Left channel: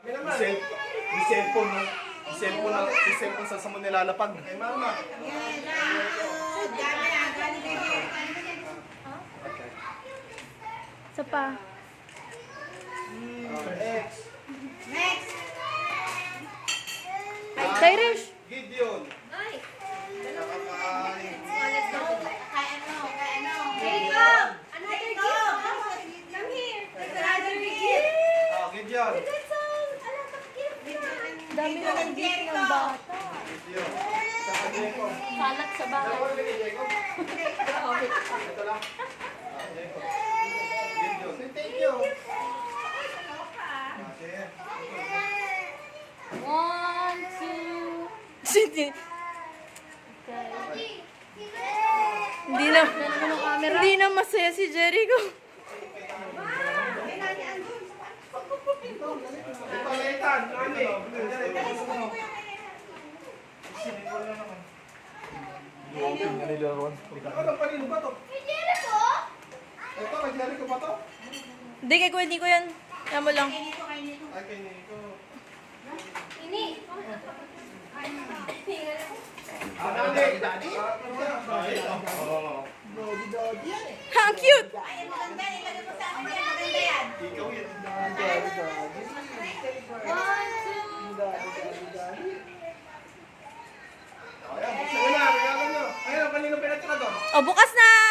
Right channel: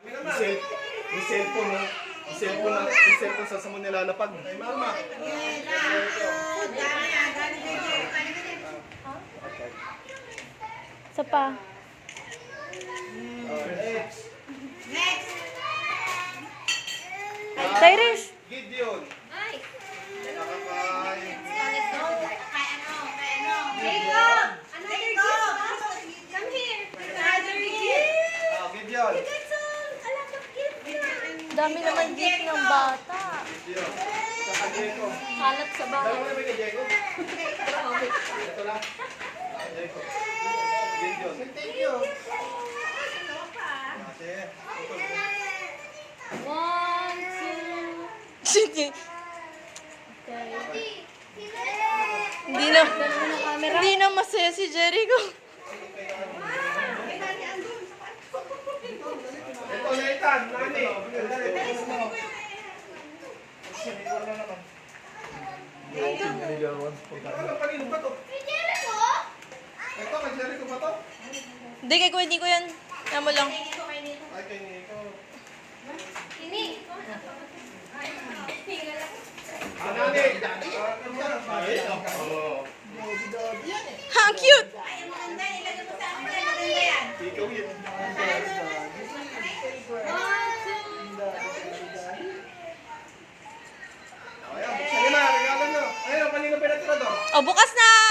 May cellphone, no? May cellphone sa mo nilalapag. Ay, mama. Isa pa. Next. Tyrish! Gideon. Gideon. Dami naman gift ng bata. Gideon. Saka Diego. Kalat sa bahay. Dalawa na ba ni Diego? Ito lang. Diego. Gideon. Thank you. Sige. 1, 2. Sige. Okay. Hindi na masaya si Jericho. Ito, Nathan. Nani. Ano, kanino ba to? Ito, naglari ko ba to? Hindi, kay Kuya Nico yan. Yan mo lang. Ay, kay Nico. Nani. Ha, ang cute! Ikaw yun. Ayan, buksan nyo na. Regalan nyo. Ayun, kanino pinatira to? Oh, bukas na!